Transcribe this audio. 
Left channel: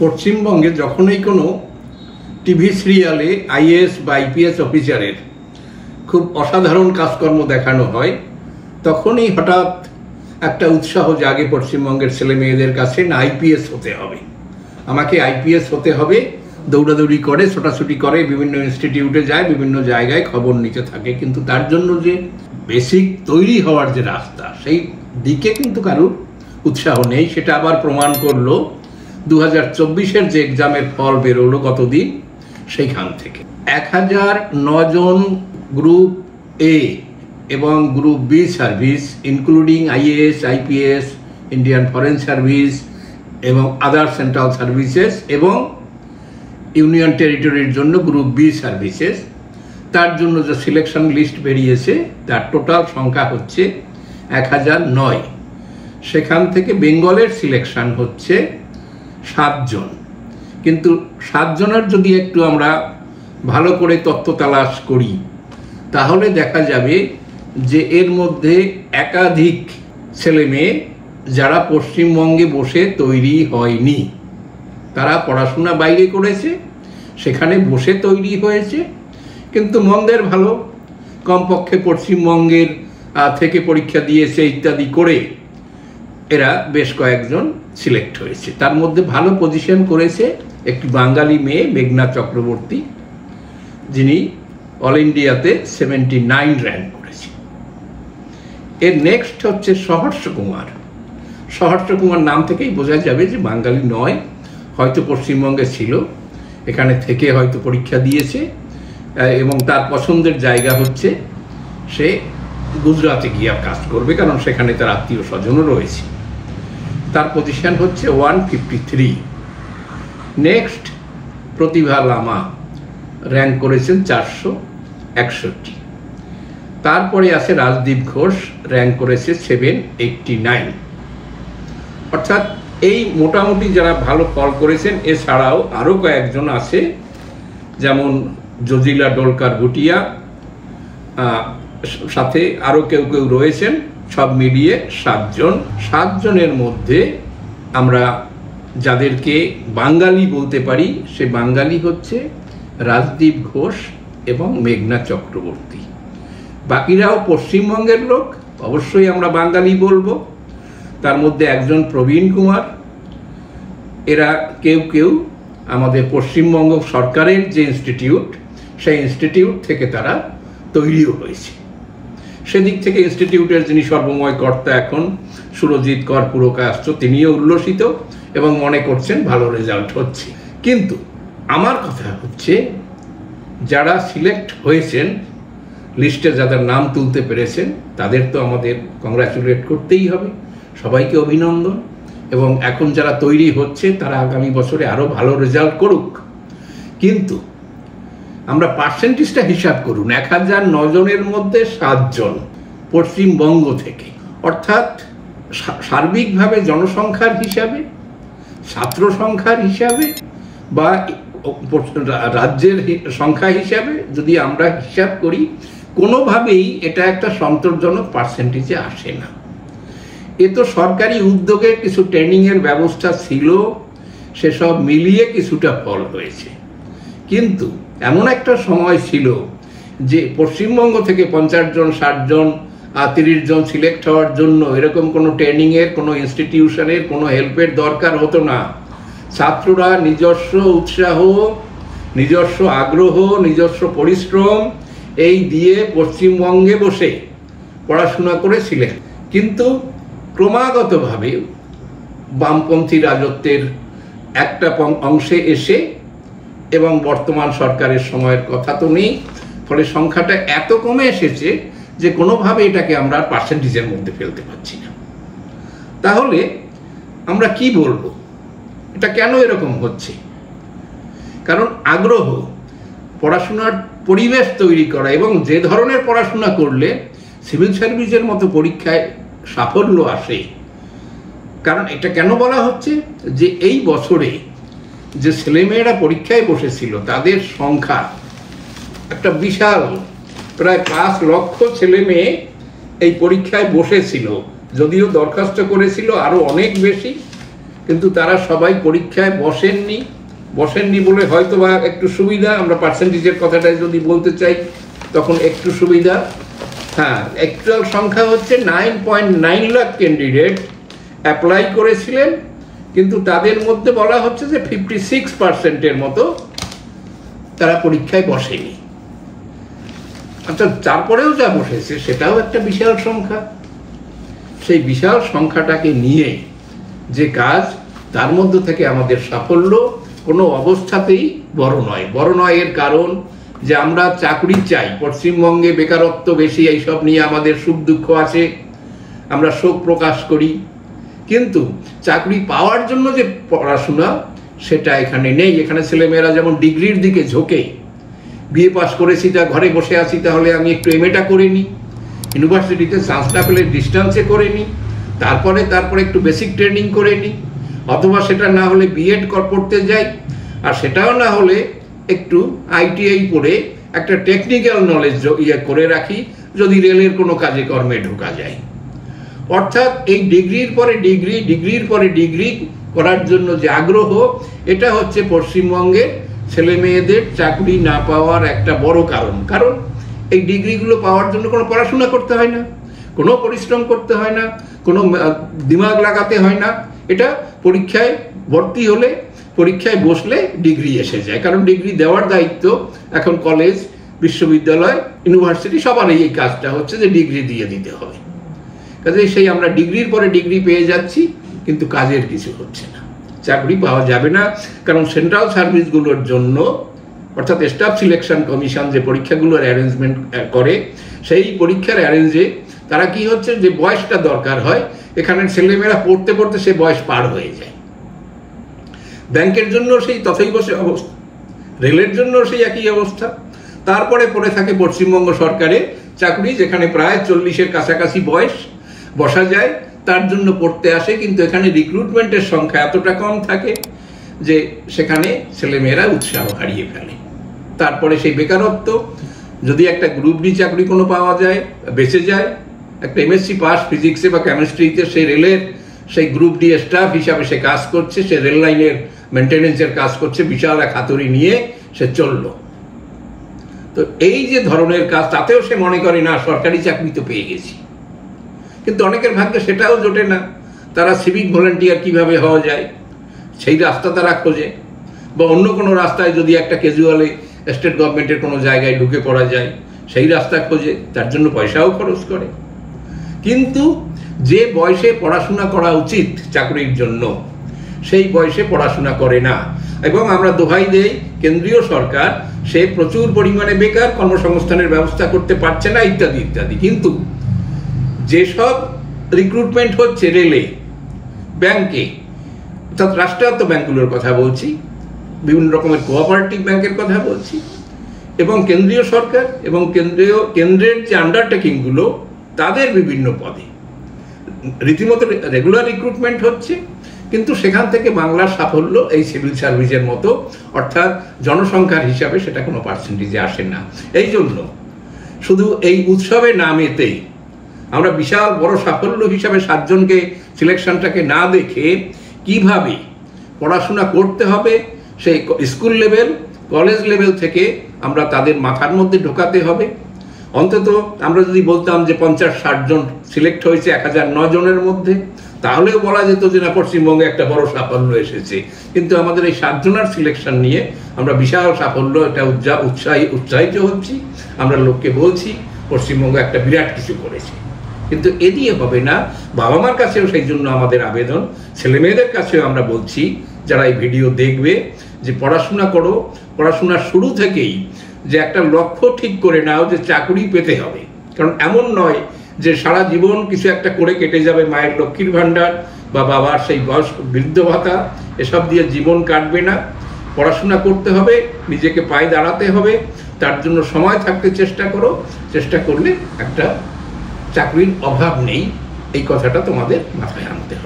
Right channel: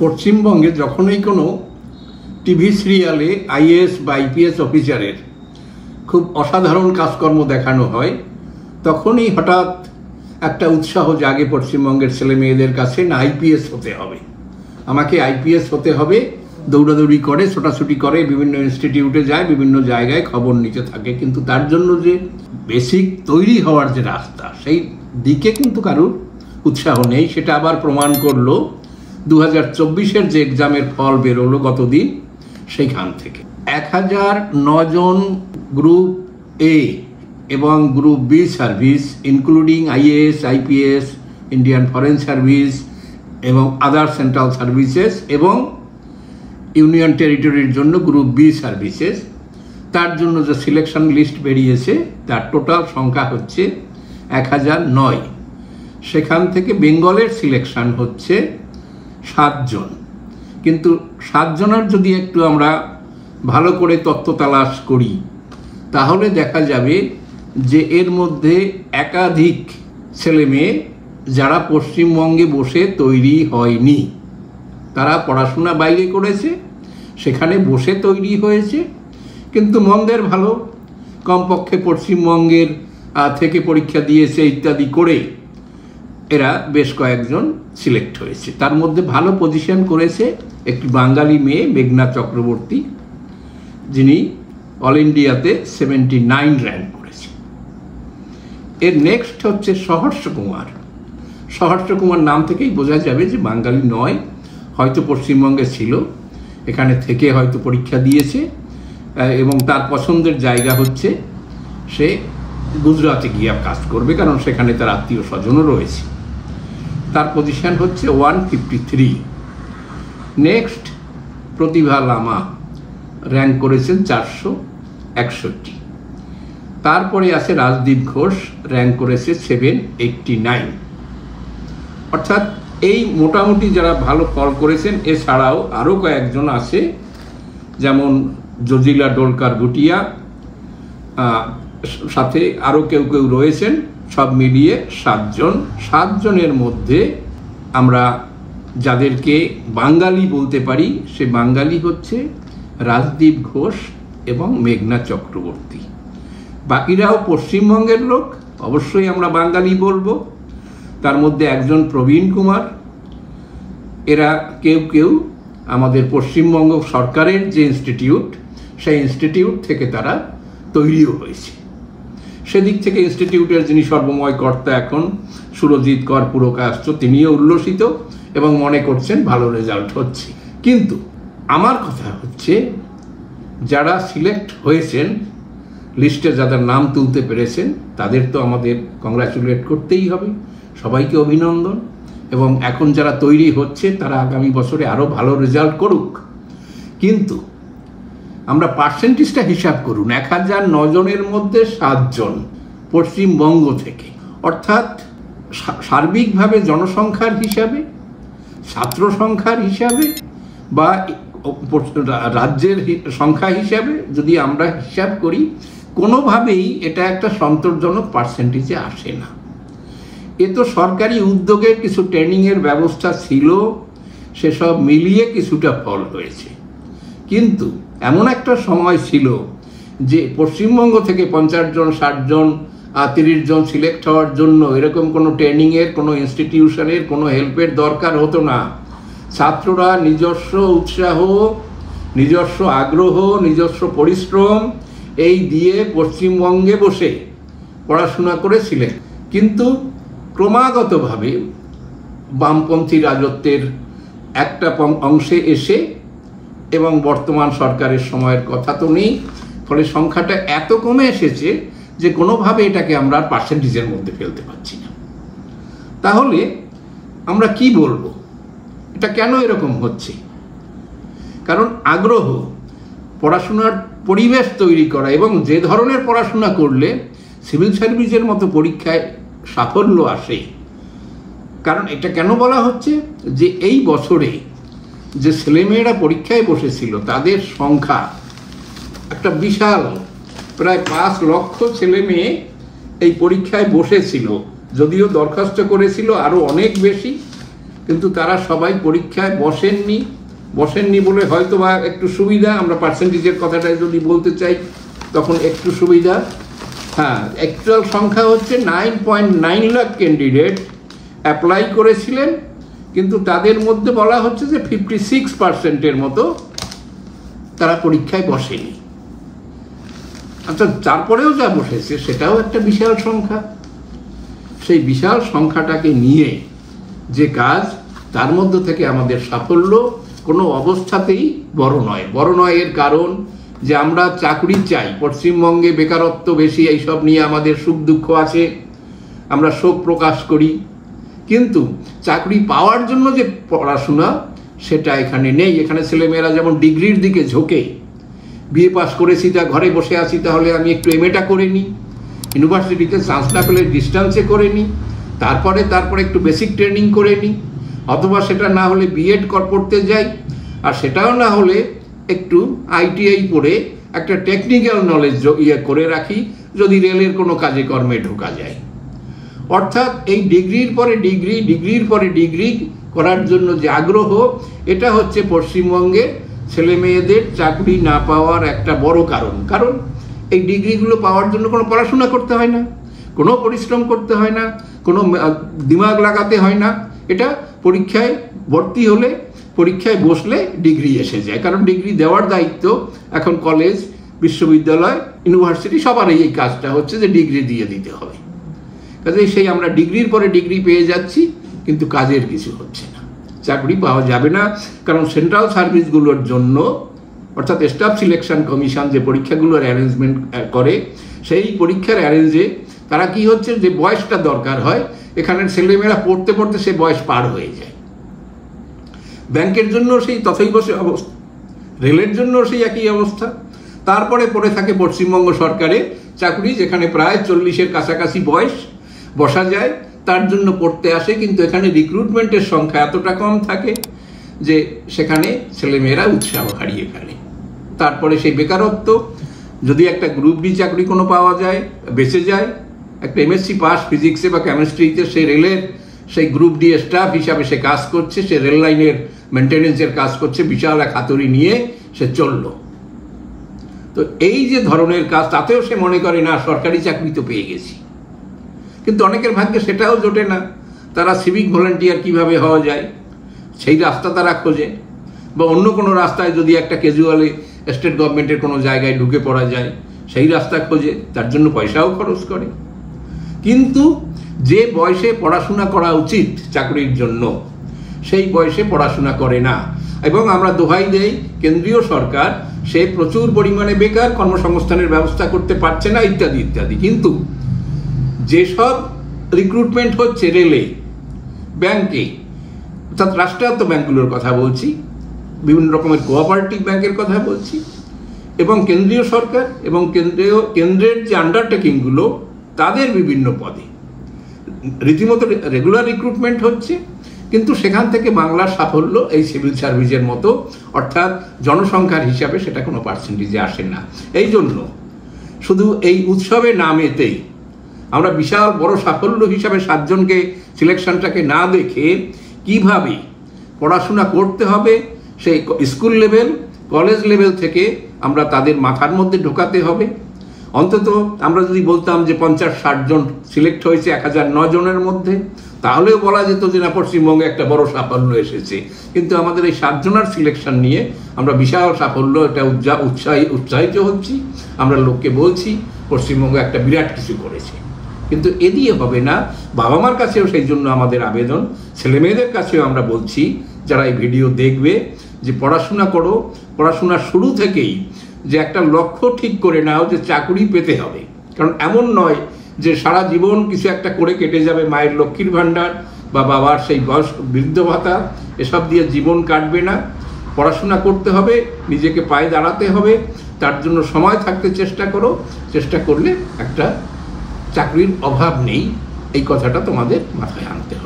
পশ্চিমবঙ্গে যখনই কোনো টিভি সিরিয়ালে আইএএস বা আইপিএস অফিসারের খুব অসাধারণ কাজকর্ম দেখানো হয়, তখনই হঠাৎ একটা উৎসাহ জাগে পশ্চিমবঙ্গের ছেলে মেয়েদের কাছে, না আইপিএস হতে হবে, আমাকে আইপিএস হতে হবে। দৌড়াদৌড়ি করে, ছোটাছুটি করে, বিভিন্ন ইনস্টিটিউটে যায়, বিভিন্ন জায়গায় খবর নিতে থাকে। কিন্তু তার জন্য যে বেসিক তৈরি হওয়ার যে রাস্তা, সেই দিকে কিন্তু কারোর উৎসাহ নেই। সেটা আবার প্রমাণ করলো 2024-এর যে এক্সামের ফল বেরোলো গতদিন, সেইখান থেকে 1009 জন গ্রুপ এ এবং group B service including IAS, IPS, Indian foreign service এবং আদার সেন্ট্রাল সার্ভিসেস এবং ইউনিয়ন টেরিটরির জন্য গ্রুপ বি সার্ভিসেস, তার জন্য যে সিলেকশন লিস্ট বেরিয়েছে তার টোটাল সংখ্যা হচ্ছে 1009। সেখান থেকে বেঙ্গলের সিলেকশন হচ্ছে 7 জন। কিন্তু 7 জনের যদি একটু আমরা ভালো করে তথ্য তালাশ করি, তাহলে দেখা যাবে যে এর মধ্যে একাধিক ছেলে মেয়ে যারা পশ্চিমবঙ্গে বসে তৈরি হয়নি, তারা পড়াশোনা বাইরে করেছে, সেখানে বসে তৈরি হয়েছে, কিন্তু মন্দের ভালো, কমপক্ষে পশ্চিমবঙ্গের থেকে পরীক্ষা দিয়েছে ইত্যাদি করে এরা বেশ কয়েকজন সিলেক্ট হয়েছে। তার মধ্যে ভালো পজিশন করেছে একটি বাঙালি মেয়ে মেঘনা চক্রবর্তী, যিনি অল ইন্ডিয়াতে 79 র্যাঙ্ক করেছে। এর নেক্সট হচ্ছে সহর্ষ কুমার। সহর্ষ কুমার নাম থেকেই বোঝা যাবে যে বাঙালি নয়, হয়তো পশ্চিমবঙ্গে ছিল, এখানে থেকে হয়তো পরীক্ষা দিয়েছে এবং তার পছন্দের জায়গা হচ্ছে সে গুজরাটে গিয়ে কাজ করবে, কারণ সেখানে তার আত্মীয় স্বজনও রয়েছে। তার পজিশন হচ্ছে 153। নেক্সট প্রতিভা লামা র্যাঙ্ক করেছেন 461। তারপরে আছে রাজদীপ ঘোষ, র্যাঙ্ক করেছে 789। অর্থাৎ এই মোটামুটি যারা ভালো ফল করেছেন, এছাড়াও আরো কয়েকজন আছে, যেমন জজিলা ডোলকার ভুটিয়া, সাথে আরো কেউ কেউ রয়েছেন, সব মিলিয়ে 7 জন। 7 জনের মধ্যে আমরা যাদেরকে বাঙালি বলতে পারি, সে বাঙালি হচ্ছে রাজদীপ ঘোষ এবং মেঘনা চক্রবর্তী। বাকিরাও পশ্চিমবঙ্গের লোক, অবশ্যই আমরা বাঙালি বলবো। তার মধ্যে একজন প্রবীণ কুমার। এরা কেউ কেউ আমাদের পশ্চিমবঙ্গ সরকারের যে ইনস্টিটিউট, সেই ইনস্টিটিউট থেকে তারা তৈরিও হয়েছে। সেদিক থেকে ইনস্টিটিউটের যিনি সর্বময় কর্তা এখন, সুরজিৎ কর পুরকায়স্থ, তিনিও উল্লসিত এবং মনে করছেন ভালো রেজাল্ট হচ্ছে। কিন্তু আমার কথা হচ্ছে, যারা সিলেক্ট হয়েছেন, লিস্টে যাদের নাম তুলতে পেরেছেন, তাদের তো আমাদের কংগ্রাচুলেট করতেই হবে, সবাইকে অভিনন্দন। এবং এখন যারা তৈরি হচ্ছে তারা আগামী বছরে আরো ভালো রেজাল্ট করুক। কিন্তু আমরা পার্সেন্টেজটা হিসাব করুন, 1009 জনের মধ্যে 7 জন পশ্চিমবঙ্গ থেকে, অর্থাৎ সার্বিকভাবে জনসংখ্যার হিসাবে, ছাত্র সংখ্যার হিসাবে বা রাজ্যের সংখ্যা হিসাবে যদি আমরা হিসাব করি, কোনোভাবেই এটা একটা সন্তোষজনক পার্সেন্টেজে আসে না। এ তো সরকারি উদ্যোগে কিছু ট্রেনিং এর ব্যবস্থা ছিল, সেসব মিলিয়ে কিছুটা ফল হয়েছে। কিন্তু এমন একটা সময় ছিল যে পশ্চিমবঙ্গ থেকে 50 জন, 60 জন, 30 জন সিলেক্ট হওয়ার জন্য এরকম কোনো ট্রেনিং এর, কোনো ইনস্টিটিউশনের, কোনো হেল্পের দরকার হতো না। ছাত্ররা নিজস্ব উৎসাহ, নিজস্ব আগ্রহ, নিজস্ব পরিশ্রম এই দিয়ে পশ্চিমবঙ্গে বসে পড়াশোনা করেছিলেন। কিন্তু ক্রমাগতভাবে বামপন্থী রাজত্বের একটা অংশে এসে, এবং বর্তমান সরকারের সময়ের কথা তো নেই, ফলে সংখ্যাটা এত কমে এসেছে যে কোনোভাবে এটাকে আমরা পার্সেন্টেজের মধ্যে ফেলতে পারছি না। তাহলে আমরা কি বলবো, এটা কেন এরকম হচ্ছে? কারণ আগ্রহ, পড়াশোনার পরিবেশ তৈরি করা, এবং যে ধরনের পড়াশোনা করলে সিভিল সার্ভিসের মতো পরীক্ষায় সাফল্য আসে। কারণ এটা কেন বলা হচ্ছে যে এই বছরে যে ছেলেমেয়েরা পরীক্ষায় বসেছিল, তাদের সংখ্যা একটা বিশাল, প্রায় 5 লক্ষ ছেলে মেয়ে এই পরীক্ষায় বসেছিল, যদিও দরখাস্ত করেছিল আরো অনেক বেশি, কিন্তু তারা সবাই পরীক্ষায় বসেননি বলে হয়তো বা একটু সুবিধা, আমরা পার্সেন্টেজের কথাটা যদি বলতে চাই তখন একটু সুবিধা। হ্যাঁ, অ্যাকচুয়াল সংখ্যা হচ্ছে 9.9 লাখ ক্যান্ডিডেট অ্যাপ্লাই করেছিলেন, কিন্তু তাদের মধ্যে বলা হচ্ছে যে 56%-এর মতো তারা পরীক্ষায় বসেনি। আচ্ছা, তারপরেও যা বসেছে সেটাও একটা বিশাল সংখ্যা। সেই বিশাল সংখ্যাটাকে নিয়ে যে কাজ, তার মধ্যে থেকে আমাদের সাফল্য কোনো অবস্থাতেই বড় নয়। এর কারণ যে আমরা চাকরি চাই, পশ্চিমবঙ্গে বেকারত্ব বেশি, এইসব নিয়ে আমাদের সুখ দুঃখ আছে, আমরা শোক প্রকাশ করি, কিন্তু চাকরি পাওয়ার জন্য যে পড়াশোনা সেটা এখানে নেই। এখানে ছেলেমেয়েরা যেমন ডিগ্রির দিকে ঝোঁকে, বিএ পাস করেছি তা ঘরে বসে আছি, তাহলে আমি একটু এমএটা করে নিই, ইউনিভার্সিটিতে চান্স না পেলে ডিস্টেন্সে করে নিই, তারপরে একটু বেসিক ট্রেনিং করে নিই, অথবা সেটা না হলে বিএড পড়তে যাই, আর সেটাও না হলে একটু আইটিআই পড়ে একটা টেকনিক্যাল নলেজ করে রাখি, যদি রেলের কোনো কাজে কর্মে ঢোকা যায়। অর্থাৎ এই ডিগ্রির পরে ডিগ্রি করার জন্য যে আগ্রহ, এটা হচ্ছে পশ্চিমবঙ্গে ছেলে মেয়েদের চাকরি না পাওয়ার একটা বড় কারণ এই ডিগ্রিগুলো পাওয়ার জন্য কোনো পড়াশোনা করতে হয় না, কোনো পরিশ্রম করতে হয় না, কোনো দিমাগ লাগাতে হয় না। এটা পরীক্ষায় ভর্তি হলে, পরীক্ষায় বসলে ডিগ্রি এসে যায়। কারণ ডিগ্রি দেওয়ার দায়িত্ব এখন কলেজ, বিশ্ববিদ্যালয়, ইউনিভার্সিটি সবার এই কাজটা হচ্ছে যে ডিগ্রি দিয়ে দিতে হবে। কাজে সেই আমরা ডিগ্রির পরে ডিগ্রি পেয়ে যাচ্ছি, কিন্তু কাজের কিছু হচ্ছে না, চাকরি পাওয়া যাবে না। কারণ সেন্ট্রাল সার্ভিসগুলোর জন্য, অর্থাৎ স্টাফ সিলেকশন কমিশন যে পরীক্ষাগুলোর অ্যারেঞ্জমেন্ট করে, সেই পরীক্ষার অ্যারেঞ্জে তারা কি হচ্ছে, যে বয়সটা দরকার হয়, এখানে ছেলেমেয়েরা পড়তে সে বয়স পার হয়ে যায়। ব্যাংকের জন্য সেই তথৈব অবস্থা, রেলের জন্য সেই একই অবস্থা। তারপরে পড়ে থাকে পশ্চিমবঙ্গ সরকারের চাকরি, যেখানে প্রায় 40-এর কাছাকাছি বয়স, বসা যায়, তার জন্য পড়তে আসে, কিন্তু এখানে রিক্রুটমেন্টের সংখ্যা এতটা কম থাকে যে সেখানে ছেলেমেয়েরা উৎসাহ হারিয়ে ফেলে। তারপরে সেই বেকারত্ব, যদি একটা গ্রুপ ডি চাকরি কোনো পাওয়া যায়, বেঁচে যায়, একটা এমএসসি পাস ফিজিক্সে বা কেমিস্ট্রিতে, সেই রেলের সেই গ্রুপ ডি স্টাফ হিসাবে সে কাজ করছে, সে রেল লাইনের মেনটেনেন্সের কাজ করছে, বিশাল এক হাতুড়ি নিয়ে সে চলল। তো এই যে ধরনের কাজ, তাতেও সে মনে করে না সরকারি চাকরি তো পেয়ে গেছি, কিন্তু অনেকের ভাগ্যে সেটাও জোটে না। তারা সিভিক ভলেন্টিয়ার কিভাবে হওয়া যায় সেই রাস্তা তারা খোঁজে, বা অন্য কোনো রাস্তায় যদি একটা ক্যাজুয়ালি স্টেট গভর্নমেন্টের কোনো জায়গায় ঢুকে পড়া যায় সেই রাস্তা খোঁজে, তার জন্য পয়সাও খরচ করে। কিন্তু যে বয়সে পড়াশোনা করা উচিত চাকরির জন্য, সেই বয়সে পড়াশোনা করে না। এবং আমরা দোহাই দেই কেন্দ্রীয় সরকার, সে প্রচুর পরিমাণে বেকার, কর্মসংস্থানের ব্যবস্থা করতে পারছে না, ইত্যাদি ইত্যাদি। কিন্তু যেসব রিক্রুটমেন্ট হচ্ছে রেলে, ব্যাংকে, অর্থাৎ রাষ্ট্রায়ত্ত ব্যাংকগুলোর কথা বলছি, বিভিন্ন রকমের কোঅপারেটিভ ব্যাংকের কথা বলছি, এবং কেন্দ্রীয় সরকার এবং কেন্দ্রের যে আন্ডারটেকিংগুলো, তাদের বিভিন্ন পদে রীতিমতো রেগুলার রিক্রুটমেন্ট হচ্ছে, কিন্তু সেখান থেকে বাংলার সাফল্য এই সিভিল সার্ভিসের মতো, অর্থাৎ জনসংখ্যার হিসাবে সেটা কোনো পার্সেন্টেজে আসে না। এই জন্য শুধু এই উৎসবে নামেতেই আমরা বিশাল বড় সাফল্য হিসাবে 7 জনকে সিলেকশনটাকে না দেখে, কিভাবে পড়াশোনা করতে হবে সেই স্কুল লেভেল, কলেজ লেভেল থেকে আমরা তাদের মাথার মধ্যে ঢোকাতে হবে। অন্তত আমরা যদি বলতাম যে 50-60 জন সিলেক্ট হয়েছে 1009 জনের মধ্যে, তাহলেও বলা যেত যে না, পশ্চিমবঙ্গে একটা বড় সাফল্য এসেছে। কিন্তু আমাদের এই 7 জনের সিলেকশন নিয়ে আমরা বিশাল সাফল্য, এটা উৎসাহিত হচ্ছি, আমরা লোককে বলছি পশ্চিমবঙ্গ একটা বিরাট কিছু করেছে। কিন্তু এ দিয়ে হবে না। বাবা মার কাছেও সেই জন্য আমাদের আবেদন, ছেলে মেয়েদের কাছেও আমরা বলছি, যারা এই ভিডিও দেখবে, যে পড়াশোনা করো, পড়াশোনার শুরু থেকেই যে একটা লক্ষ্য ঠিক করে নাও যে চাকরি পেতে হবে। কারণ এমন নয় যে সারা জীবন কিছু একটা করে কেটে যাবে, মায়ের লক্ষ্মীর ভাণ্ডার বা বাবার সেই বয়স বৃদ্ধ ভাতা, এসব দিয়ে জীবন কাটবে না। পড়াশোনা করতে হবে, নিজেকে পায়ে দাঁড়াতে হবে, তার জন্য সময় থাকতে চেষ্টা করো। চেষ্টা করলে একটা চাকরির অভাব নেই, এই কথাটা তোমাদের মাথায় আনতে হবে।